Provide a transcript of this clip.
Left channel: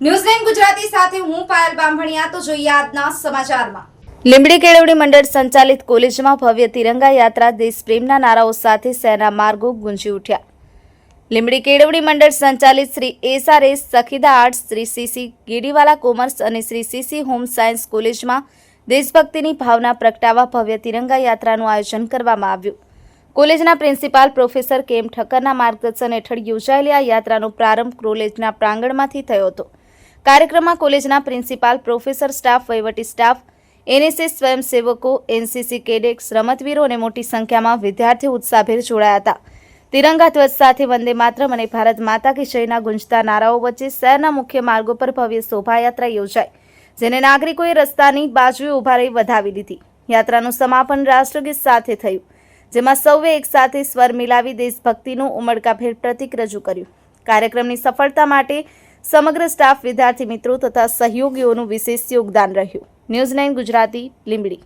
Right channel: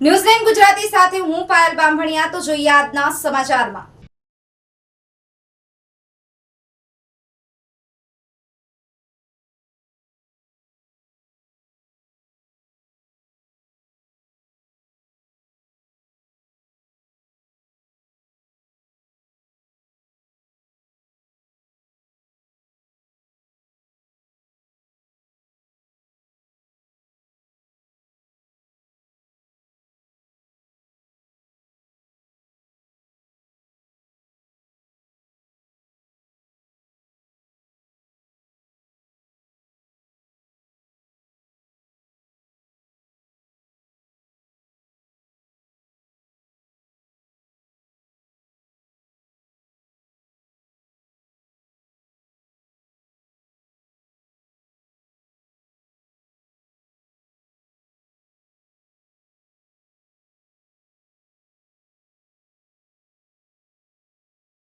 ન્યૂઝ9 ગુજરાતી સાથે હું પાયલ બામણિયા તો જોઈએ આજના સમાચારમાં। લીંબડી કેળવણી મંડળ સંચાલિત કોલેજમાં ભવ્ય તિરંગા યાત્રા દેશપ્રેમના નારાઓ સાથે શહેરના માર્ગો ગુંજી ઉઠ્યા। લીંબડી કેળવણી મંડળ સંચાલિત Shri SRS Sakhida arts, Shri CC Gediwala commerce અને શ્રી સીસી હોમ સાયન્સ કોલેજમાં દેશભક્તિની ભાવના પ્રગટાવવા ભવ્ય તિરંગા યાત્રાનું આયોજન કરવામાં આવ્યું। કોલેજના પ્રિન્સિપાલ પ્રોફેસર કેમ ઠક્કરના માર્ગદર્શન હેઠળ યોજાયેલી આ યાત્રાનો પ્રારંભ કોલેજના પ્રાંગણમાંથી થયો હતો। કાર્યક્રમમાં કોલેજના પ્રિન્સિપાલ, પ્રોફેસર, સ્ટાફ, વહીવટી સ્ટાફ, એનએસએસ સ્વયંસેવકો, એનસીસી કેડેટ્સ, રમતવીરો અને મોટી સંખ્યામાં વિદ્યાર્થીઓ ઉત્સાહભેર જોડાયા હતા। તિરંગા ધ્વજ સાથે વંદે માતરમ અને ભારત માતા કી જયના ગુંજતા નારાઓ વચ્ચે શહેરના મુખ્ય માર્ગો પર ભવ્ય શોભાયાત્રા યોજાઈ, જેને નાગરિકોએ રસ્તાની બાજુએ ઊભા રહી વધાવી લીધી। યાત્રાનું સમાપન રાષ્ટ્રગીત સાથે થયું, જેમાં સૌએ એકસાથે સ્વર મિલાવી દેશભક્તિનું ઉમળકાભેર પ્રતીક રજૂ કર્યું। કાર્યક્રમની સફળતા માટે સમગ્ર સ્ટાફ, વિદ્યાર્થી મિત્રો તથા સહયોગીઓનું વિશેષ યોગદાન રહ્યું। ન્યૂઝ9 ગુજરાતી, લીંબડી।